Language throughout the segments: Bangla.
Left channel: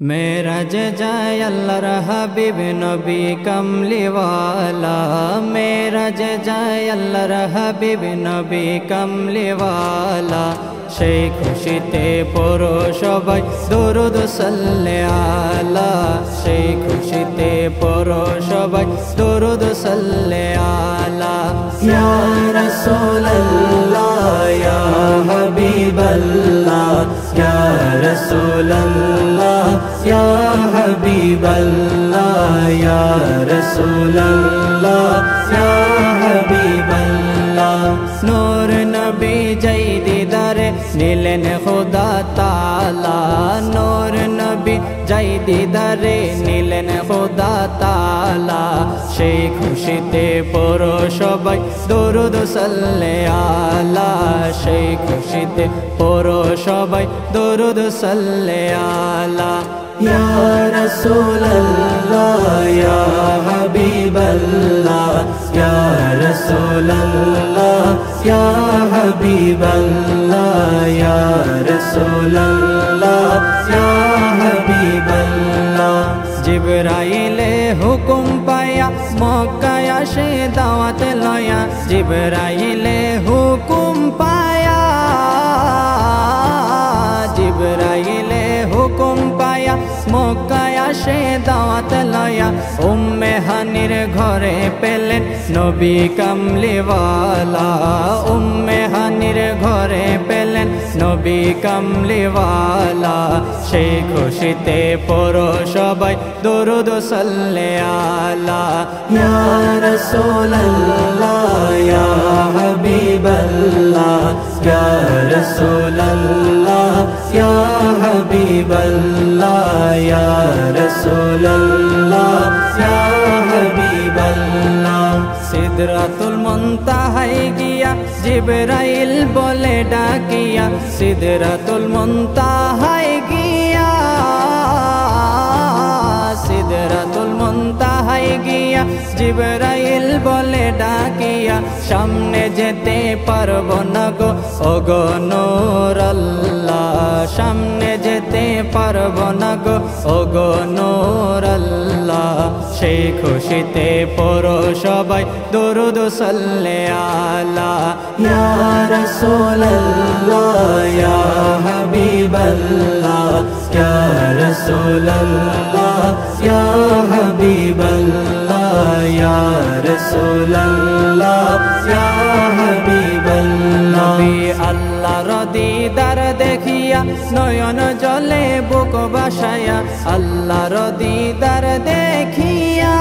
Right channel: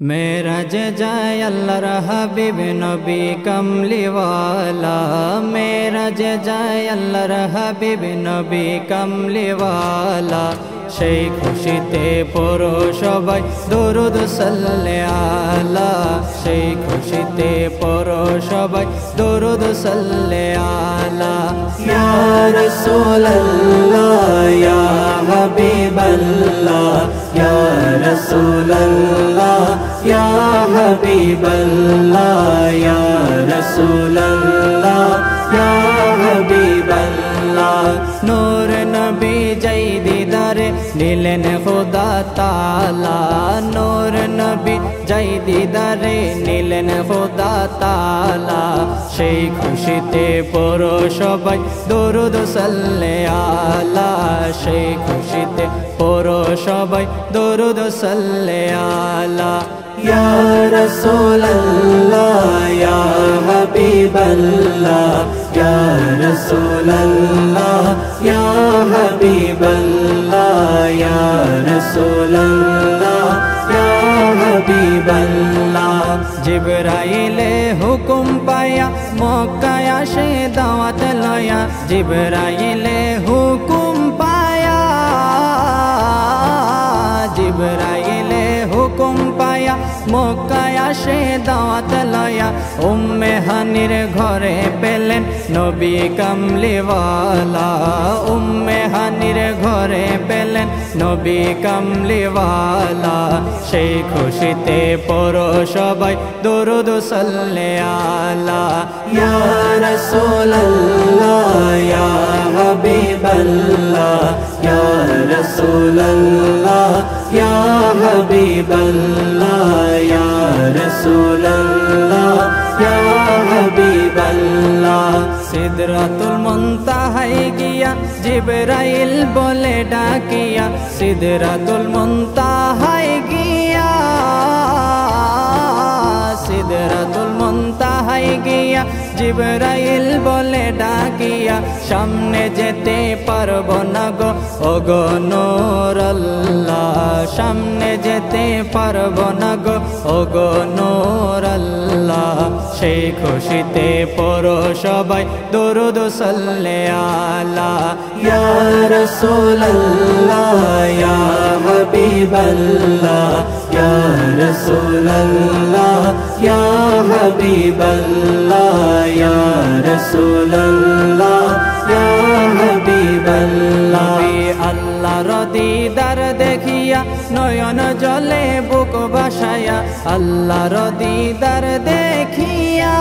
मेराज जाय अल्लाहर हबीब नबी कमलीवाला। मेराज जाय अल्लाहर हबीब नबी कमलीवाला। সেই খুশিতে পড়ো সবাই দরুদ সাল্লে আলা। সেই খুশিতে পড়ো সবাই দরুদ সাল্লে আলা। ইয়া রাসূলুল্লাহ ইয়া হাবিবাল্লাহ ইয়া রাসূলুল্লাহ ইয়া হাবিবাল্লাহ ইয়া রাসূলুল্লাহ ইয়া হাবিবাল্লাহ। নূর নবী জয় দিদারে নীলেন খুদা তাআলা। নূর নবী জয় দিদারে নীলেন খুদা তাআলা। সেই খুশিতে পড়ো সবাই দরুদ সাল্লে আলা। সেই খুশিতে পড়ো সবাই দরুদ সাল্লে আলা। ইয়া রাসূলুল্লাহ ইয়া হাবিবাল্লাহ ইয়া রাসূলুল্লাহ ইয়া হাবিবাল্লাহ ইয়া রাসূলুল্লাহ ইয়া হাবিবাল্লাহ। জিবরাইলে হুকুম পায়া মক্কায় আসে দাওয়াত লয়া। জিবরাইলে হুকুম পায়া জিবরাইলে হুকুম পায়া মক্কায় আসে দাওয়াত লয়া। উম্মে হানির ঘরে পেলেন নবী কামলিওয়ালা। উম্মে হানির ঘরে পেলেন নবী কামলিওয়ালা। সেই খুশিতে পড়ো সবাই দরুদ সাল্লে আলা। ইয়া রাসূলুল্লাহ ইয়া হাবিবাল্লাহ ইয়া রাসূলুল্লাহ ইয়া হাবিবাল্লাহ ইয়া রাসূলুল্লাহ ইয়া হাবিবাল্লাহ। সিদরাতুল মুনতাহায় গিয়া জিবরাইল বলে ডাকিয়া। সিদরাতুল মুনতাহায় গিয়া সিদরাতুল মুনতাহায় গিয়া জিবরাইল বলে ডাকিয়া। সামনে যেতে পারবো না গো ওগো নূর আল্লাহ। সামনে যেতে পারবো না গো ওগো নূর আল্লাহ। সেই খুশিতে পড়ো সবাই দরুদ সাল্লে আলা। ইয়া রাসূলুল্লাহ ইয়া হাবিবাল্লাহ ইয়া রাসূলুল্লাহ ইয়া হাবিবাল্লাহ ইয়া রাসূলুল্লাহ ইয়া হাবিবাল্লাহ। নবী আল্লাহর দিদার দেখিয়া নয়ন জলে বুক বাসায়া। আল্লাহর দিদার দেখিয়া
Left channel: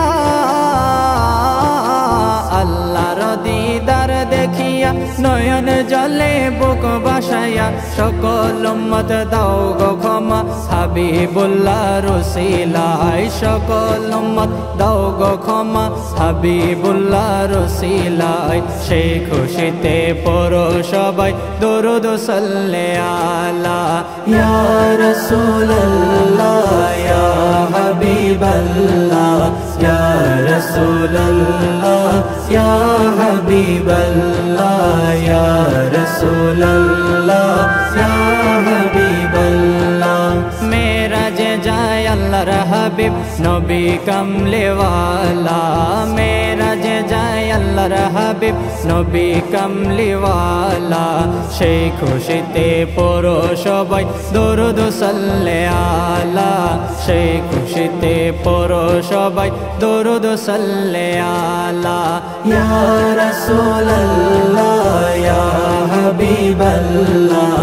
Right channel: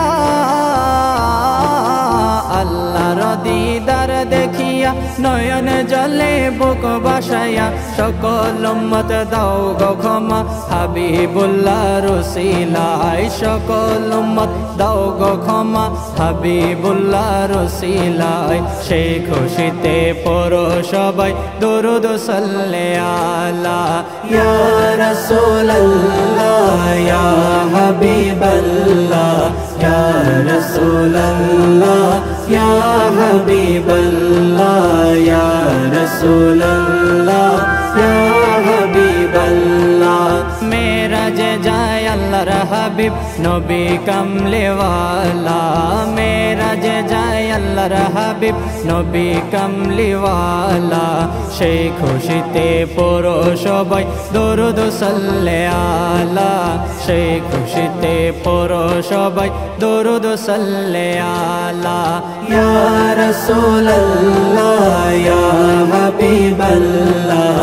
আল্লাহর দিদার দেখিয়া নয়ন জলে বুক বাসায়া। সকল উম্মত দাও গো ক্ষমা হাবিবুল্লাহর ওসিলায়। সকল উম্মত দাও গো ক্ষমা হাবিবুল্লাহর ওসিলায়। সেই খুশিতে পড়ো সবাই দরুদ সাল্লে আলা। ইয়া রাসূলুল্লাহ ইয়া হাবিবাল্লাহ ইয়া রাসূলুল্লাহ ইয়া হাবিবাল্লাহ ইয়া রাসূলুল্লাহ ইয়া হাবিবাল্লাহ। মেরাজ যায় আল্লাহর হাবিব নবী কামলিওয়ালা। মেরাজ যায় আল্লাহর হাবিব নবী কামলিওয়ালা। সেই খুশিতে পড়ো সবাই দরুদ সাল্লে আলা। সেই খুশিতে পড়ো সবাই দরুদ সাল্লে আলা। ইয়া রাসূলুল্লাহ ইয়া হাবিবাল্লাহ